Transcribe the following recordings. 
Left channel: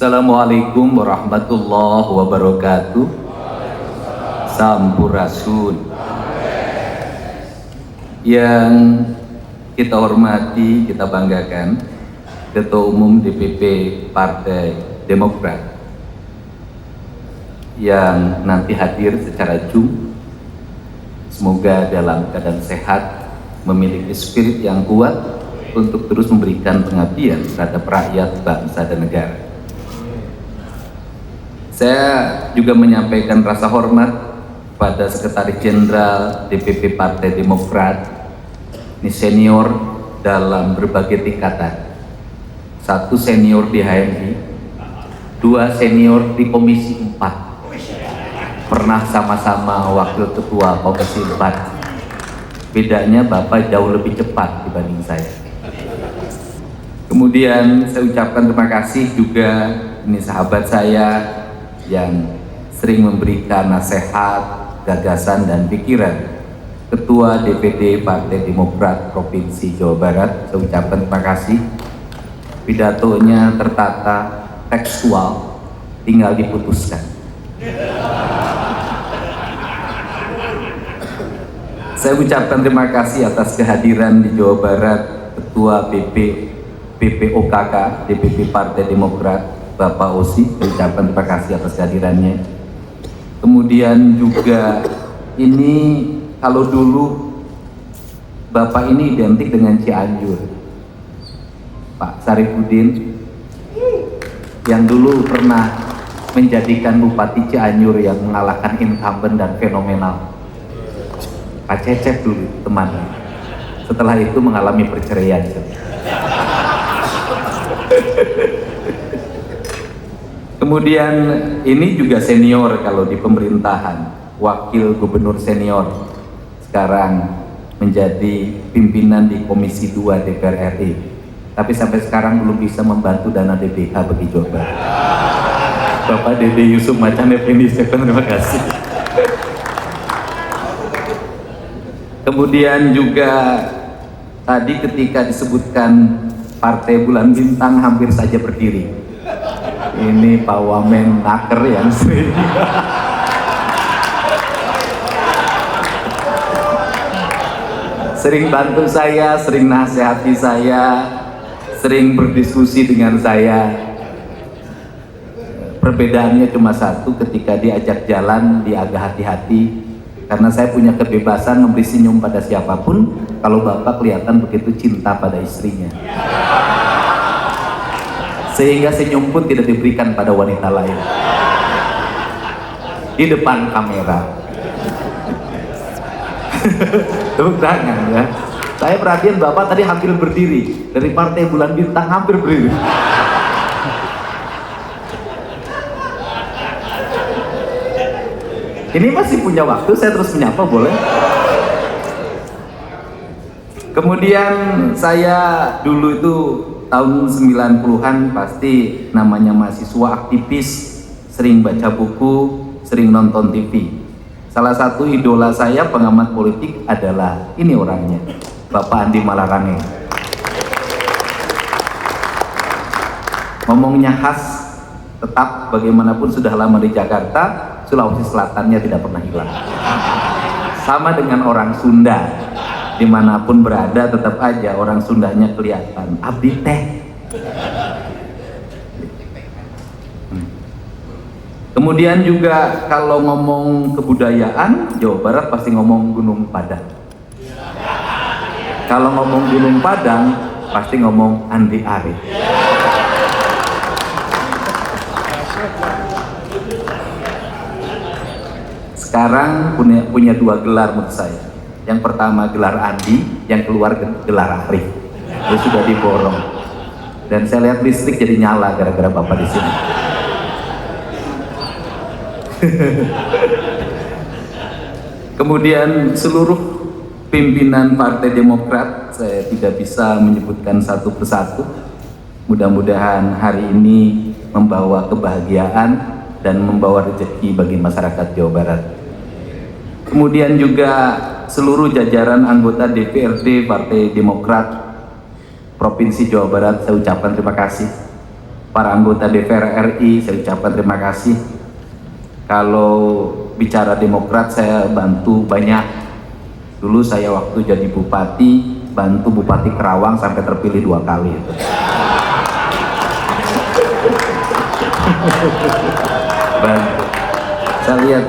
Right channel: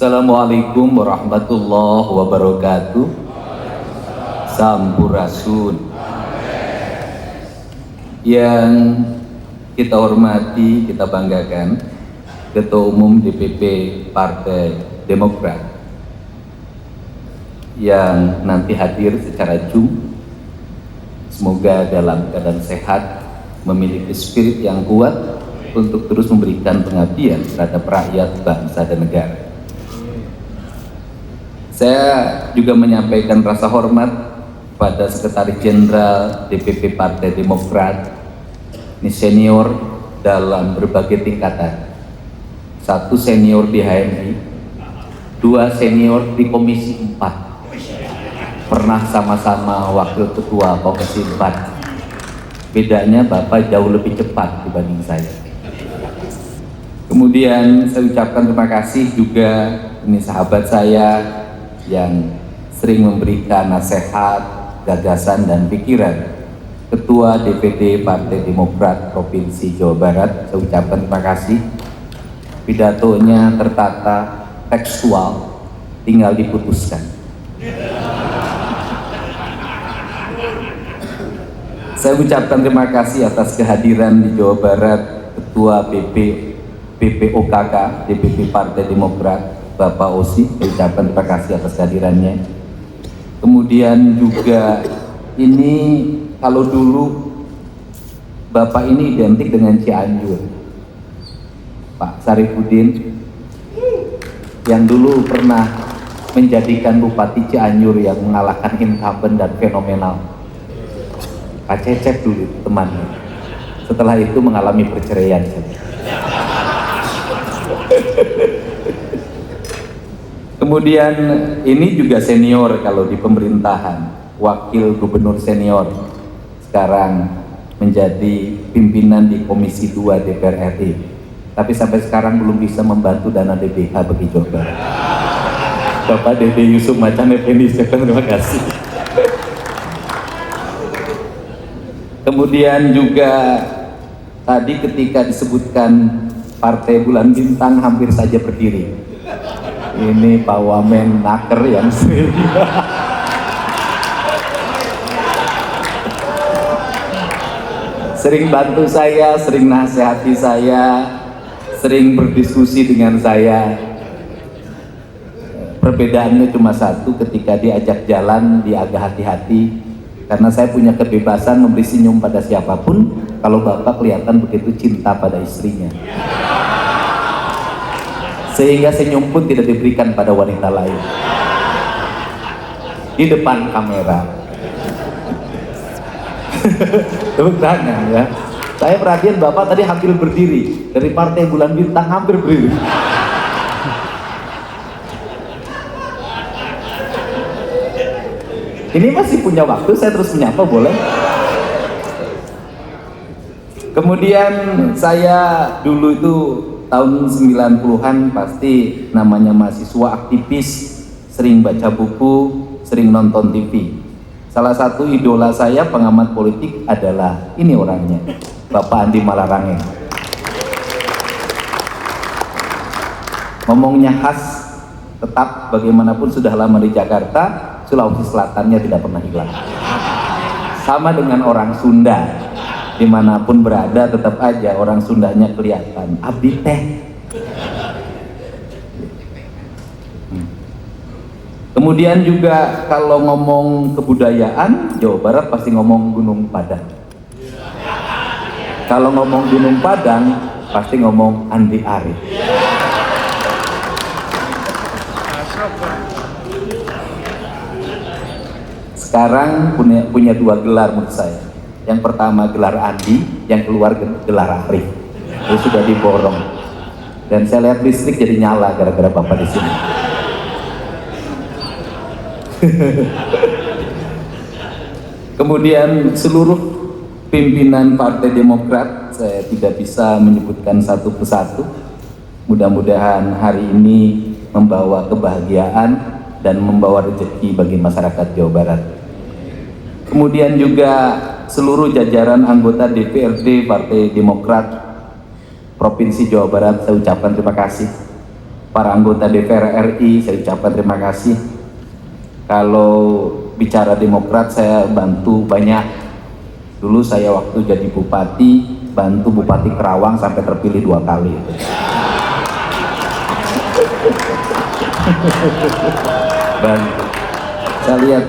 Assalamualaikum warahmatullahi wabarakatuh. Sampurasun. Yang kita hormati, kita banggakan, Ketua Umum DPP Partai Demokrat yang nanti hadir secara Zoom. Semoga dalam keadaan sehat, memiliki spirit yang kuat untuk terus memberikan pengabdian terhadap rakyat, bangsa, dan negara. Saya juga menyampaikan rasa hormat pada Sekretaris Jenderal DPP Partai Demokrat, ini senior dalam berbagai tingkatan. 1 senior di HMI, 2 senior di Komisi 4. Pernah sama-sama wakil ketua Komisi 4. Bedanya Bapak jauh lebih cepat dibanding saya. Kemudian saya ucapkan terima kasih juga, ini sahabat saya yang sering memberikan nasihat, gagasan, dan pikiran, Ketua DPD Partai Demokrat Provinsi Jawa Barat. Saya ucapkan terima kasih. Pidatonya tertata, tekstual, tinggal diputuskan. Saya ucapkan terima kasih atas kehadiran di Jawa Barat Ketua BPOKK DPP Partai Demokrat Bapak Osi. Saya ucapkan terima kasih atas kehadirannya. Kemudian juga ini, kalau dulu Bapak ini identik dengan Cianjur, Pak Sarifudin, yang dulu pernah menjadikan Bupati Cianjur yang mengalahkan incumbent dan fenomenal. Kak Cecep dulu temannya. Setelah itu mengalami perceraian. Kemudian ini juga senior kalau di pemerintahan, wakil gubernur senior, sekarang menjadi pimpinan di Komisi 2 DPR RI, tapi sampai sekarang belum bisa membantu dana DBH bagi Jawa Barat. Bapak Dede Yusuf Macan Effendi, terima kasih. Kemudian juga tadi ketika disebutkan Partai Bulan Bintang hampir saja berdiri. Ini Pak Wamen Naker yang sering bantu saya, sering nasihati saya, sering berdiskusi dengan saya. Perbedaannya cuma satu, ketika diajak jalan dia agak hati-hati, karena saya punya kebebasan memberi senyum pada siapapun. Kalau Bapak kelihatan begitu cinta pada istrinya, sehingga senyum pun tidak diberikan pada wanita lain di depan kamera. Tepuk tangan ya. Saya perhatian Bapak tadi hampir berdiri, dari Partai Bulan Bintang hampir berdiri. Ini masih punya waktu, saya terus menyapa boleh? Kemudian saya dulu itu tahun 90-an pasti namanya mahasiswa aktivis, sering baca buku, sering nonton TV. Salah satu idola saya pengamat politik adalah ini orangnya, Bapak Andi Malarangeng. Ngomongnya khas, tetap bagaimanapun sudah lama di Jakarta, Sulawesi Selatannya tidak pernah hilang. Sama dengan orang Sunda, dimanapun berada tetap aja orang Sundanya kelihatan. Abdi teh. Kemudian juga kalau ngomong kebudayaan, Jawa Barat pasti ngomong Gunung Padang. Kalau ngomong Gunung Padang, pasti ngomong Andi Arief. Sekarang punya 2 gelar menurut saya. Yang pertama gelar Andi, yang keluar gelar Arief. Itu sudah diborong. Dan saya lihat listrik jadi nyala gara-gara Bapak di sini. Kemudian seluruh pimpinan Partai Demokrat, saya tidak bisa menyebutkan satu persatu. Mudah-mudahan hari ini membawa kebahagiaan dan membawa rezeki bagi masyarakat Jawa Barat. Kemudian juga seluruh jajaran anggota DPRD Partai Demokrat Provinsi Jawa Barat, saya ucapkan terima kasih. para anggota DPR RI, saya ucapkan terima kasih. Kalau bicara Demokrat, saya bantu banyak. Dulu saya waktu jadi bupati, bantu Bupati Kerawang sampai terpilih 2 kali. Baik. Saya lihat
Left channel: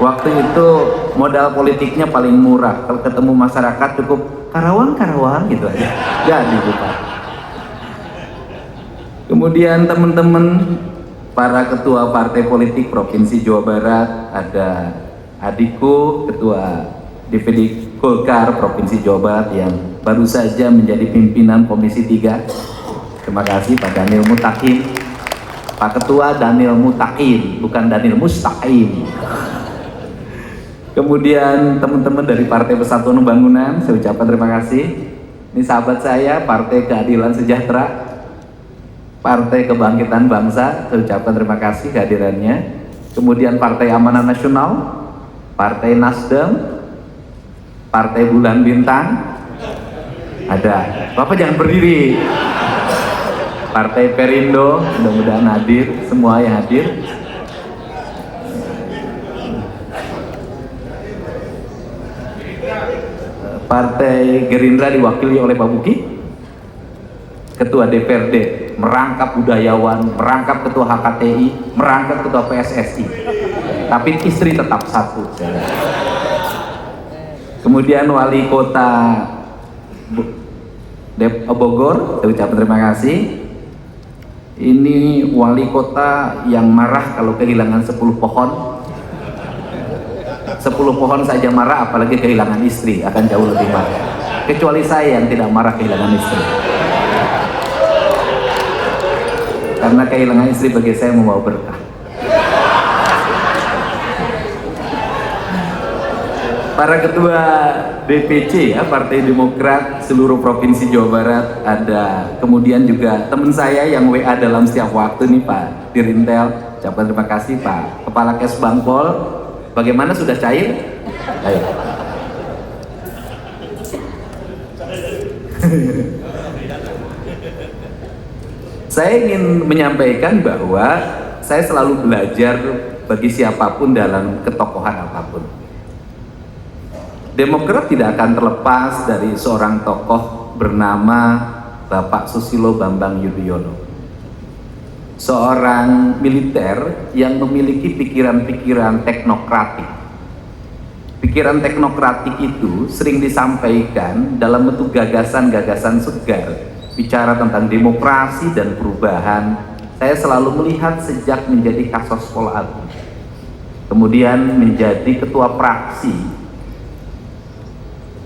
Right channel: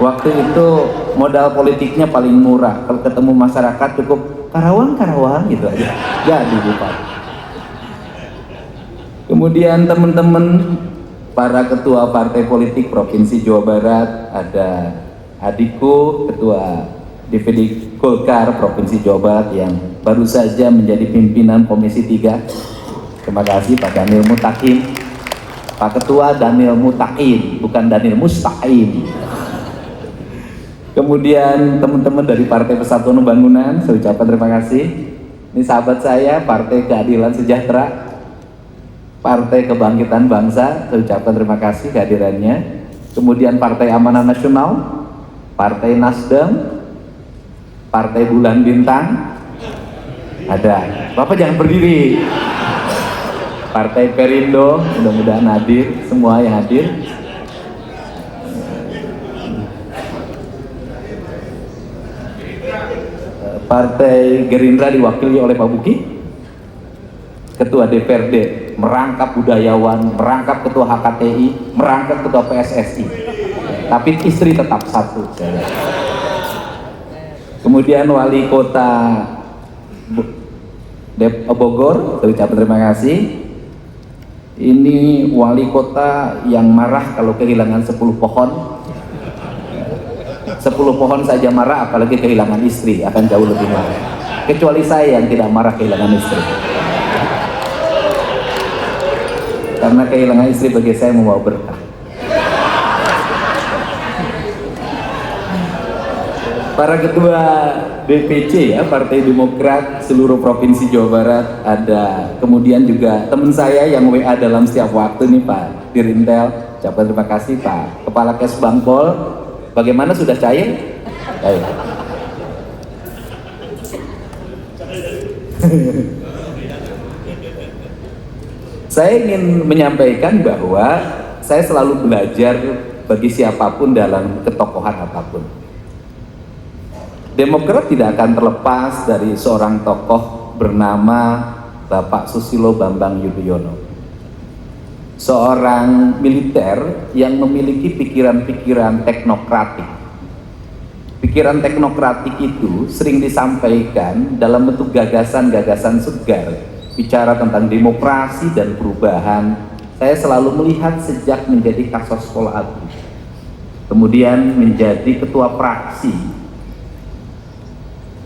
waktu itu modal politiknya paling murah. Kalau ketemu masyarakat cukup Karawang gitu aja. Jadi bupati. Kemudian teman-teman para ketua partai politik Provinsi Jawa Barat, ada adikku ketua DPD Golkar Provinsi Jawa Barat yang baru saja menjadi pimpinan Komisi 3. Terima kasih Pak Daniel Mutakin. Pak Ketua Daniel Mutakin, bukan Daniel Mustaqim. Kemudian teman-teman dari Partai Persatuan Pembangunan, saya ucapkan terima kasih. Ini sahabat saya, Partai Keadilan Sejahtera, Partai Kebangkitan Bangsa, saya ucapkan terima kasih kehadirannya. Kemudian Partai Amanah Nasional, Partai Nasdem, Partai Bulan Bintang, ada. Bapak jangan berdiri. Partai Perindo, mudah-mudahan hadir, semua yang hadir. Partai Gerindra diwakili oleh Pak Buki, Ketua DPRD, merangkap budayawan, merangkap Ketua HKTI, merangkap Ketua PSSI, tapi istri tetap satu. Kemudian Wali Kota Bogor, saya ucapkan terima kasih. Ini wali kota yang marah kalau kehilangan 10 pohon. 10 pohon saja marah, apalagi kehilangan istri, akan jauh lebih marah. Kecuali saya yang tidak marah kehilangan istri. Karena kehilangan istri bagi saya membawa berkah. Para ketua DPC ya, Partai Demokrat seluruh Provinsi Jawa Barat ada. Kemudian juga teman saya yang WA dalam setiap waktu nih Pak Dirintel, ucapkan terima kasih Pak Kepala Kes Bangpol. Bagaimana, sudah cair? Ayo. Saya ingin menyampaikan bahwa saya selalu belajar bagi siapapun dalam ketokohan apapun. Demokrat tidak akan terlepas dari seorang tokoh bernama Bapak Susilo Bambang Yudhoyono. Seorang militer yang memiliki pikiran-pikiran teknokratik. Pikiran teknokratik itu sering disampaikan dalam bentuk gagasan-gagasan segar, bicara tentang demokrasi dan perubahan. Saya selalu melihat sejak menjadi Kasor Sekolah Agung, kemudian menjadi ketua fraksi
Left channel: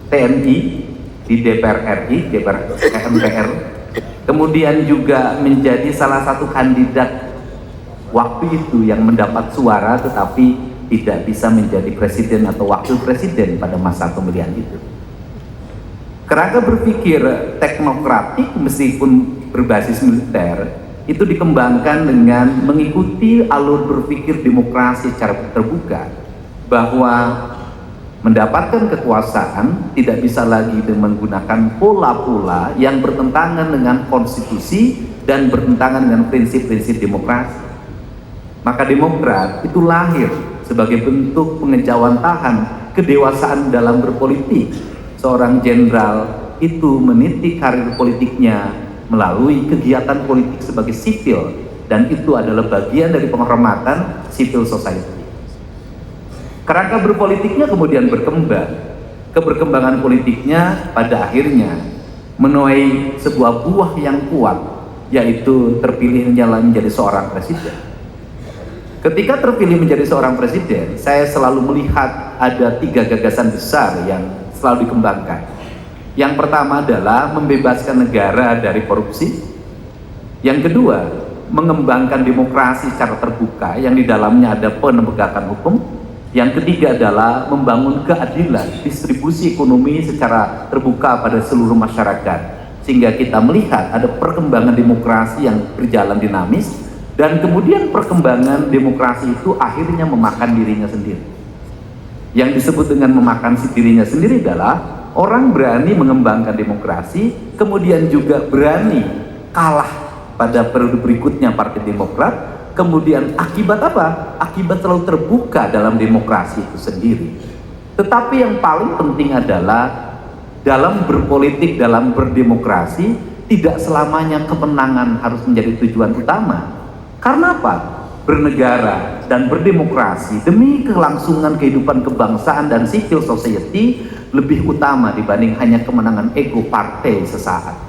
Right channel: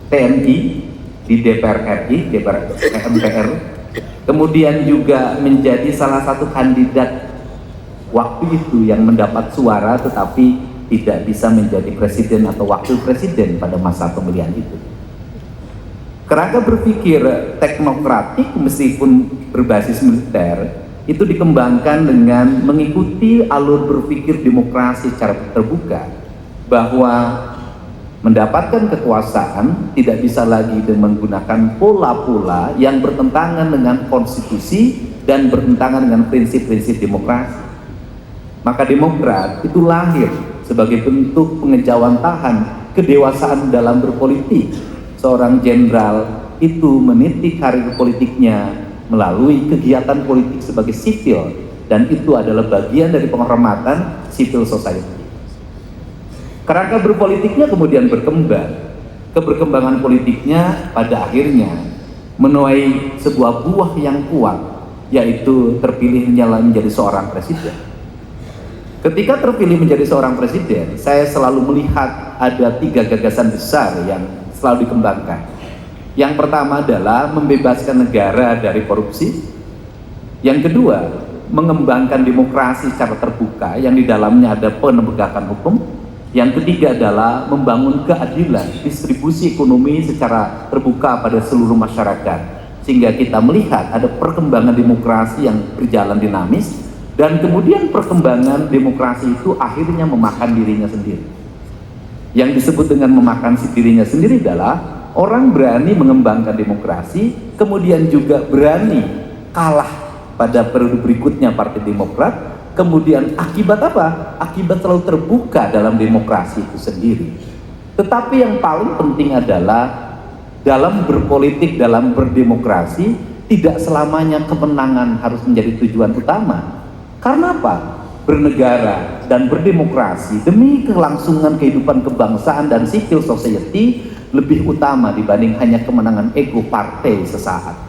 TNI di DPR RI, MPR, kemudian juga menjadi salah satu kandidat waktu itu yang mendapat suara tetapi tidak bisa menjadi presiden atau wakil presiden pada masa pemilihan itu. Kerangka berpikir teknokratik meskipun berbasis militer itu dikembangkan dengan mengikuti alur berpikir demokrasi secara terbuka, bahwa mendapatkan kekuasaan tidak bisa lagi menggunakan pola-pola yang bertentangan dengan konstitusi dan bertentangan dengan prinsip-prinsip demokrasi. Maka Demokrat itu lahir sebagai bentuk pengejawantahan kedewasaan dalam berpolitik. Seorang jenderal itu meniti karir politiknya melalui kegiatan politik sebagai sipil, dan itu adalah bagian dari penghormatan civil society. Kerangka berpolitiknya kemudian berkembang. Keberkembangan politiknya pada akhirnya menuai sebuah buah yang kuat, yaitu terpilihnya menjadi seorang presiden. Ketika terpilih menjadi seorang presiden, saya selalu melihat ada 3 gagasan besar yang selalu dikembangkan. Yang pertama adalah membebaskan negara dari korupsi. Yang kedua, mengembangkan demokrasi secara terbuka yang di dalamnya ada penegakan hukum. Yang ketiga adalah membangun keadilan distribusi ekonomi secara terbuka pada seluruh masyarakat, sehingga kita melihat ada perkembangan demokrasi yang berjalan dinamis, dan kemudian perkembangan demokrasi itu akhirnya memakan dirinya sendiri. Yang disebut dengan memakan dirinya sendiri adalah orang berani mengembangkan demokrasi, kemudian juga berani kalah pada periode berikutnya Partai Demokrat. Kemudian akibat apa? Akibat terlalu terbuka dalam demokrasi itu sendiri. Tetapi yang paling penting adalah dalam berpolitik, dalam berdemokrasi, tidak selamanya kemenangan harus menjadi tujuan utama. Karena apa? Bernegara dan berdemokrasi demi kelangsungan kehidupan kebangsaan dan civil society lebih utama dibanding hanya kemenangan ego partai sesaat.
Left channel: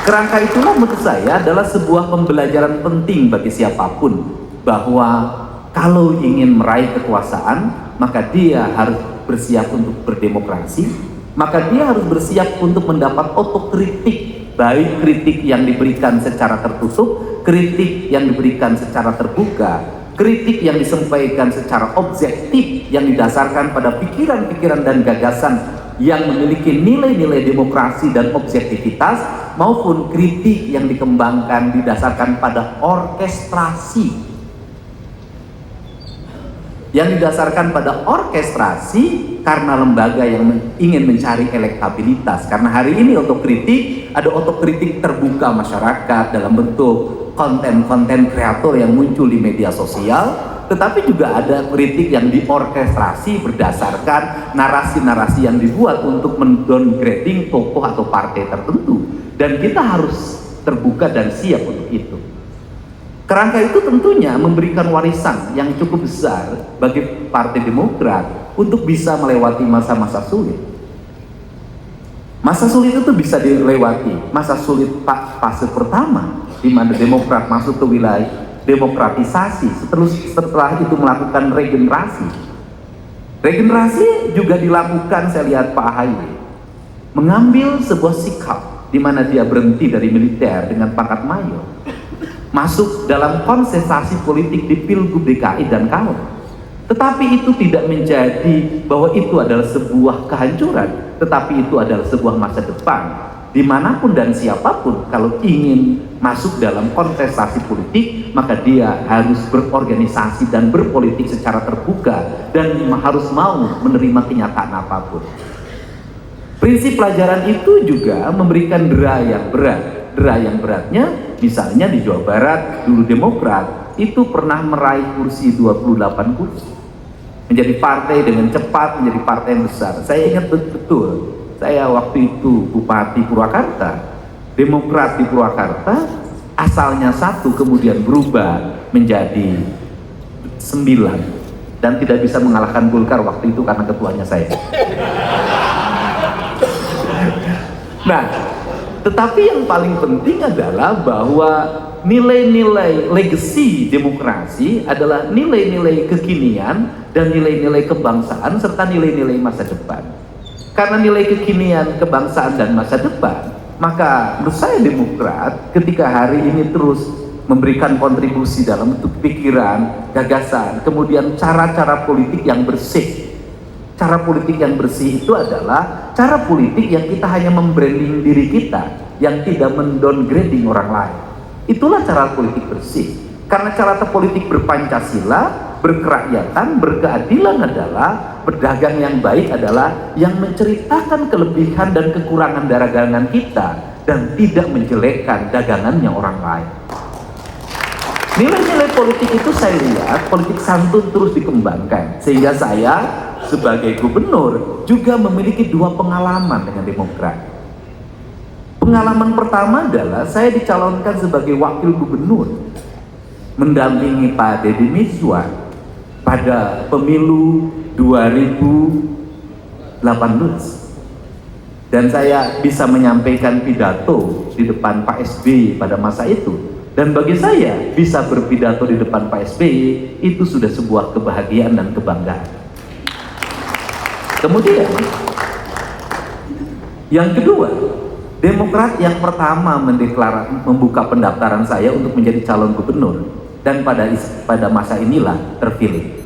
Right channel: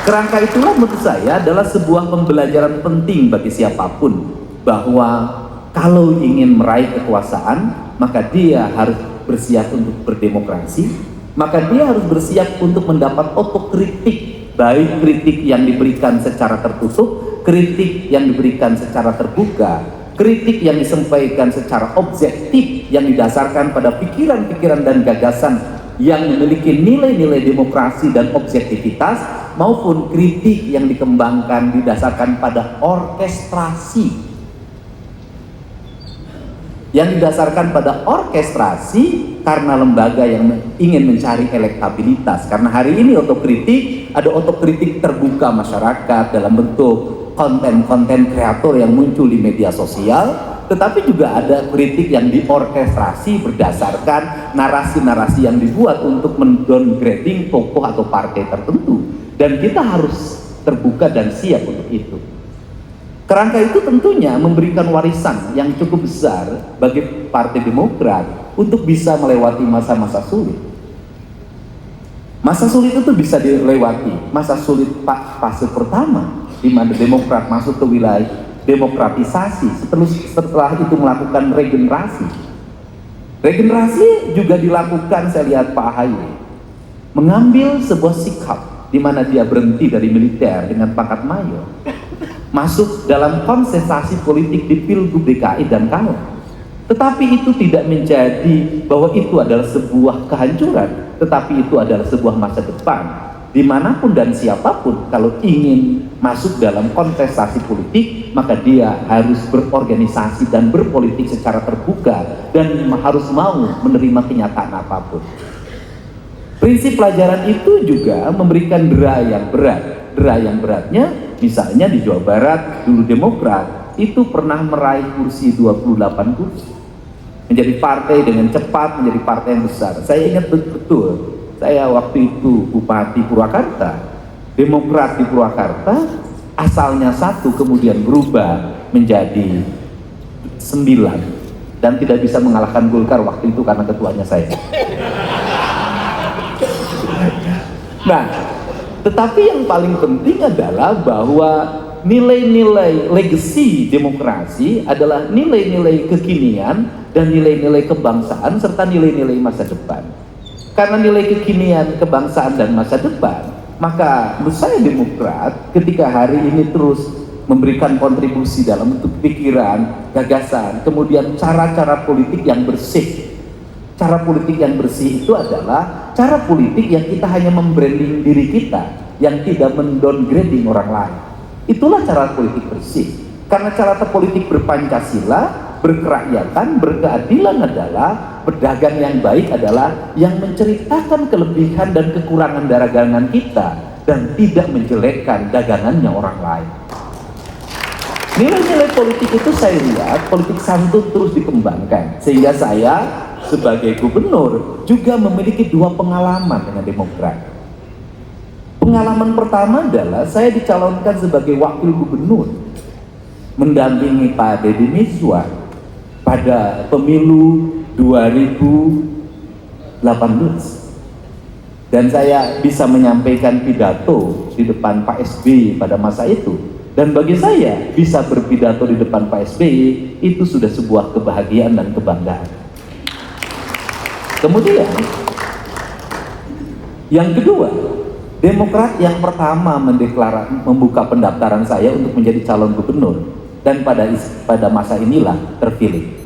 Kerangka itulah menurut saya adalah sebuah pembelajaran penting bagi siapapun, bahwa kalau ingin meraih kekuasaan maka dia harus bersiap untuk berdemokrasi, maka dia harus bersiap untuk mendapat otokritik, baik kritik yang diberikan secara tertutup, kritik yang diberikan secara terbuka, kritik yang disampaikan secara objektif yang didasarkan pada pikiran-pikiran dan gagasan yang memiliki nilai-nilai demokrasi dan objektivitas, maupun kritik yang dikembangkan didasarkan pada orkestrasi, karena lembaga yang ingin mencari elektabilitas. Karena hari ini otokritik, ada otokritik terbuka masyarakat dalam bentuk konten-konten kreator yang muncul di media sosial, tetapi juga ada kritik yang diorkestrasi berdasarkan narasi-narasi yang dibuat untuk mendowngrading tokoh atau partai tertentu, dan kita harus terbuka dan siap untuk itu. Kerangka itu tentunya memberikan warisan yang cukup besar bagi Partai Demokrat untuk bisa melewati masa-masa sulit. Masa sulit itu bisa dilewati. Masa sulit fase pertama, di mana Demokrat masuk ke wilayah demokratisasi, setelah itu melakukan regenerasi. Regenerasi juga dilakukan, saya lihat Pak Ahaye mengambil sebuah sikap di mana dia berhenti dari militer dengan pangkat mayor, masuk dalam konsentrasi politik di Pilgub DKI dan kalah. Tetapi itu tidak menjadi bahwa itu adalah sebuah kehancuran, tetapi itu adalah sebuah masa depan. Dimanapun dan siapapun kalau ingin masuk dalam kontestasi politik, maka dia harus berorganisasi dan berpolitik secara terbuka dan harus mau menerima kenyataan apapun. Prinsip pelajaran itu juga memberikan dera yang berat. Dera yang beratnya misalnya di Jawa Barat dulu Demokrat itu pernah meraih kursi 28 kursi, menjadi partai dengan cepat, menjadi partai yang besar. Saya ingat betul, saya waktu itu Bupati Purwakarta, Demokrat di Purwakarta asalnya 1 kemudian berubah menjadi 9 dan tidak bisa mengalahkan Golkar waktu itu karena ketuanya saya. Nah, tetapi yang paling penting adalah bahwa nilai-nilai legacy demokrasi adalah nilai-nilai kekinian dan nilai-nilai kebangsaan serta nilai-nilai masa depan. Karena nilai kekinian, kebangsaan dan masa depan, maka menurut saya Demokrat ketika hari ini terus memberikan kontribusi dalam bentuk pikiran, gagasan, kemudian cara-cara politik yang bersih. Cara politik yang bersih itu adalah cara politik yang kita hanya membranding diri kita, yang tidak mendowngrading orang lain. Itulah cara politik bersih. Karena cara politik berpancasila, berkerakyatan, berkeadilan adalah berdagang yang baik adalah yang menceritakan kelebihan dan kekurangan dagangan kita dan tidak menjelekkan dagangannya orang lain. Nilai-nilai politik itu saya lihat politik santun terus dikembangkan, sehingga saya sebagai gubernur juga memiliki 2 pengalaman dengan Demokrat. Pengalaman pertama adalah saya dicalonkan sebagai wakil gubernur mendampingi Pak Deddy Mizwar pada pemilu 2018, dan saya bisa menyampaikan pidato di depan Pak SBY pada masa itu, dan bagi saya bisa berpidato di depan Pak SBY itu sudah sebuah kebahagiaan dan kebanggaan. Kemudian yang kedua, Demokrat yang pertama membuka pendaftaran saya untuk menjadi calon gubernur, dan pada masa inilah terpilih.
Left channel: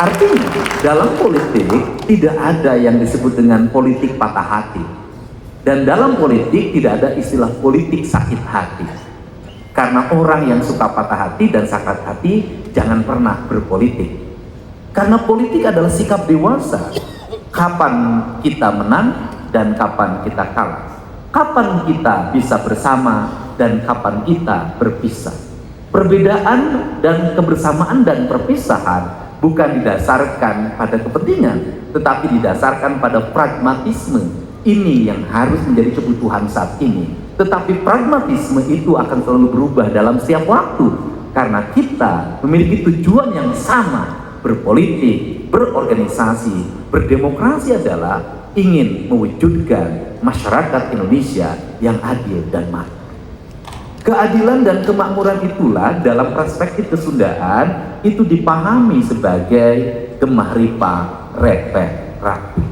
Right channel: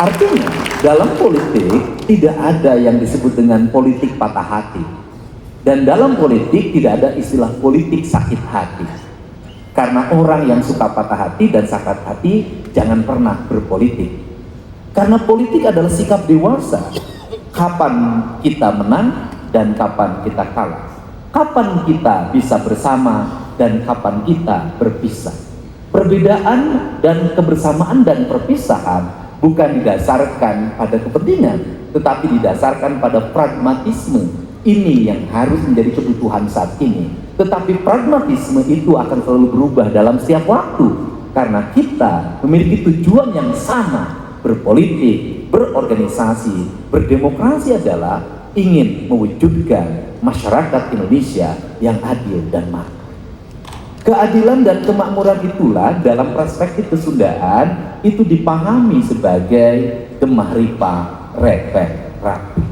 Artinya dalam politik tidak ada yang disebut dengan politik patah hati, dan dalam politik tidak ada istilah politik sakit hati. Karena orang yang suka patah hati dan sakit hati jangan pernah berpolitik. Karena politik adalah sikap dewasa, kapan kita menang dan kapan kita kalah. Kapan kita bisa bersama dan kapan kita berpisah? Perbedaan dan kebersamaan dan perpisahan bukan didasarkan pada kepentingan, tetapi didasarkan pada pragmatisme. Ini yang harus menjadi kebutuhan saat ini. Tetapi pragmatisme itu akan selalu berubah dalam setiap waktu, karena kita memiliki tujuan yang sama. Berpolitik, berorganisasi, berdemokrasi adalah ingin mewujudkan masyarakat Indonesia yang adil dan makmur. Keadilan dan kemakmuran itulah dalam perspektif kesundaan itu dipahami sebagai gemah ripah repeh rapi.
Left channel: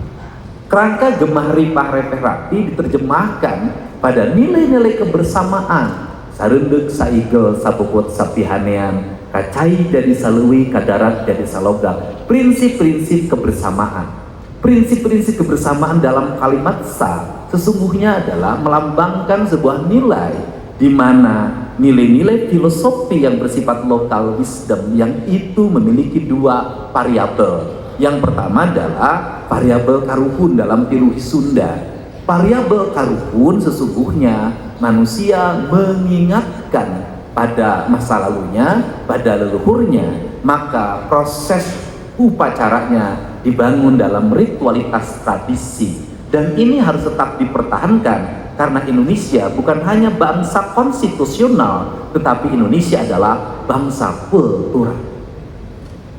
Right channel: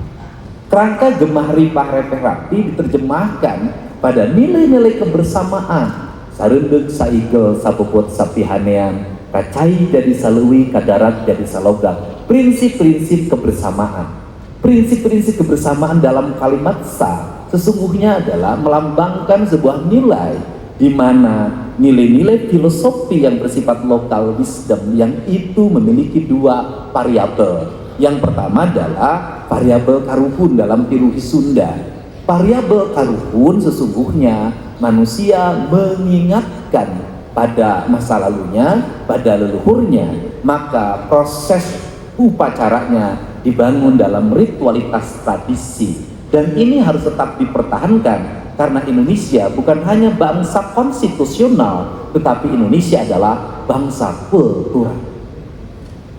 Kerangka gemah ripah repeh rapi diterjemahkan pada nilai-nilai kebersamaan. Sarunduk saigel sapuput sapihanean, kacai jadi saluwi kadarat jadi salogam. Prinsip-prinsip kebersamaan. Prinsip-prinsip kebersamaan dalam kalimat sa sesungguhnya adalah melambangkan sebuah nilai, di mana nilai-nilai filosofi yang bersifat lokal wisdom yang itu memiliki dua variabel. Yang pertama adalah variabel karuhun dalam teologi Sunda. Variabel karuhun sesungguhnya manusia mengingatkan pada masa lalunya, pada leluhurnya, maka proses upacaranya dibangun dalam ritualitas tradisi, dan ini harus tetap dipertahankan. Karena Indonesia bukan hanya bangsa konstitusional, tetapi Indonesia adalah bangsa kultural.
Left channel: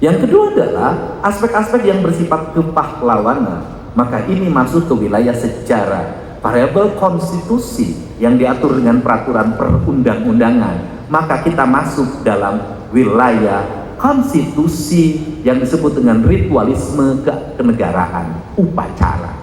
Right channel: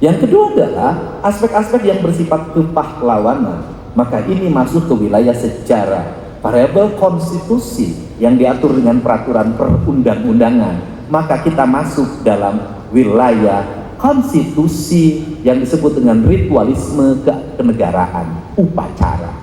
Yang kedua adalah aspek-aspek yang bersifat kepahlawanan. Maka ini masuk ke wilayah sejarah. Variabel konstitusi yang diatur dengan peraturan perundang-undangan. Maka kita masuk dalam wilayah konstitusi yang disebut dengan ritualisme kenegaraan, upacara.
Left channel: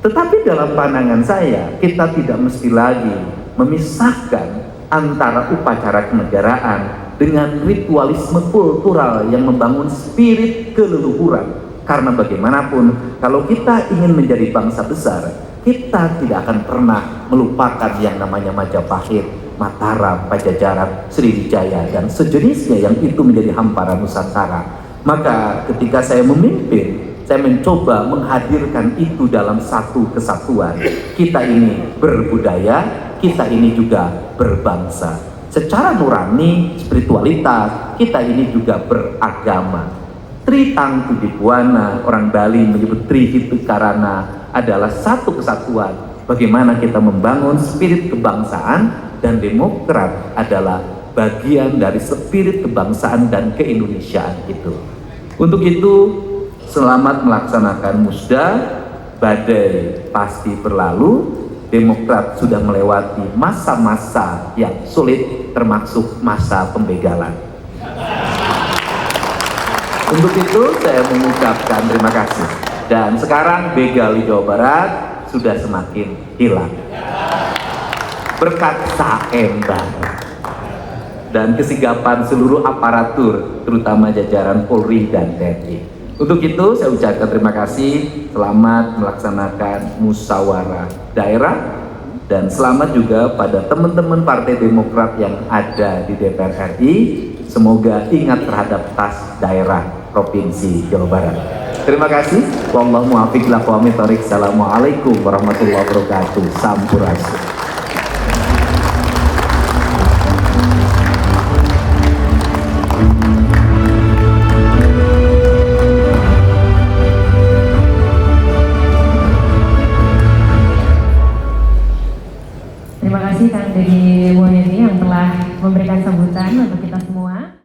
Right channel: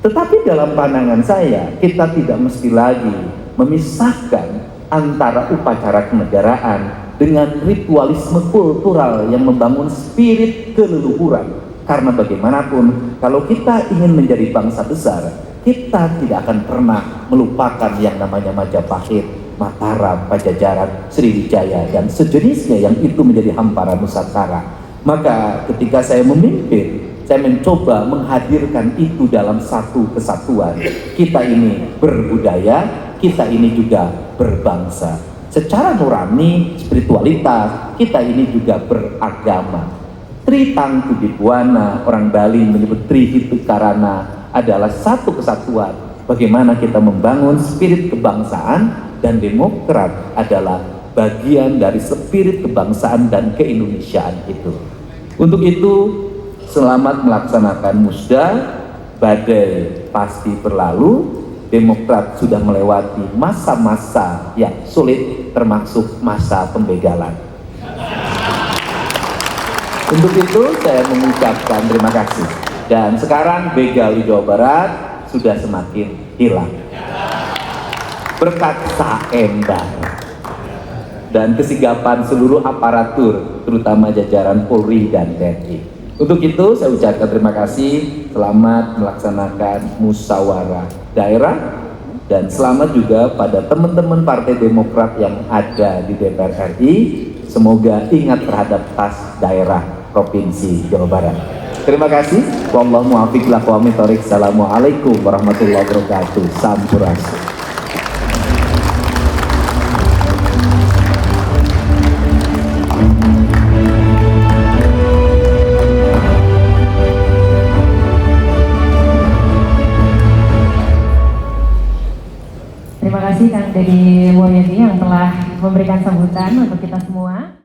Tetapi dalam pandangan saya, kita tidak mesti lagi memisahkan antara upacara kenegaraan dengan ritualisme kultural yang membangun spirit keleluhuran. Karena bagaimanapun, kalau kita ingin menjadi bangsa besar, kita tidak akan pernah melupakan yang namanya Majapahit, Mataram, Pajajaran, Sriwijaya, dan sejenisnya yang itu menjadi hamparan Nusantara. Maka ketika saya memimpin, saya mencoba menghadirkan itu dalam satu kesatuan. Kita ini berbudaya, kita ini juga berbangsa. Secara nurani, spiritualitas, kita ini juga beragama. Tritangku Dibuana, orang Bali menyebut Trihitu Karana, adalah satu kesatuan. Bagaimana kita membangun spirit kebangsaan, dan demokrat adalah bagian dari spirit kebangsaan dan keindonesiaan itu. Untuk itu, selamat melaksanakan musda. Badai pasti berlalu. Demokrat sudah melewati masa-masa yang sulit, termasuk masa pembegalan. Untuk itu saya mengucapkan terima kasih. Dan sekarang begal di Jawa Barat sudah semakin hilang berkat saendang dan kesigapan seluruh aparatur, terutama jajaran Polri dan TNI. Untuk itu saya ucapkan terima kasih, selamat melaksanakan musyawarah daerah, dan selamat juga pada teman-teman Partai Demokrat yang ada di DPR RI. Semoga ingat terhadap tas daerah Provinsi Jawa Barat. Terima kasih. Wallahu muwaffiq ila aqwamit thoriq. Assalamualaikum warahmatullahi wabarakatuh. Sampurasun. Terima kasih Kang dari Wahyudi yang telah memberikan sambutan untuk kita semua.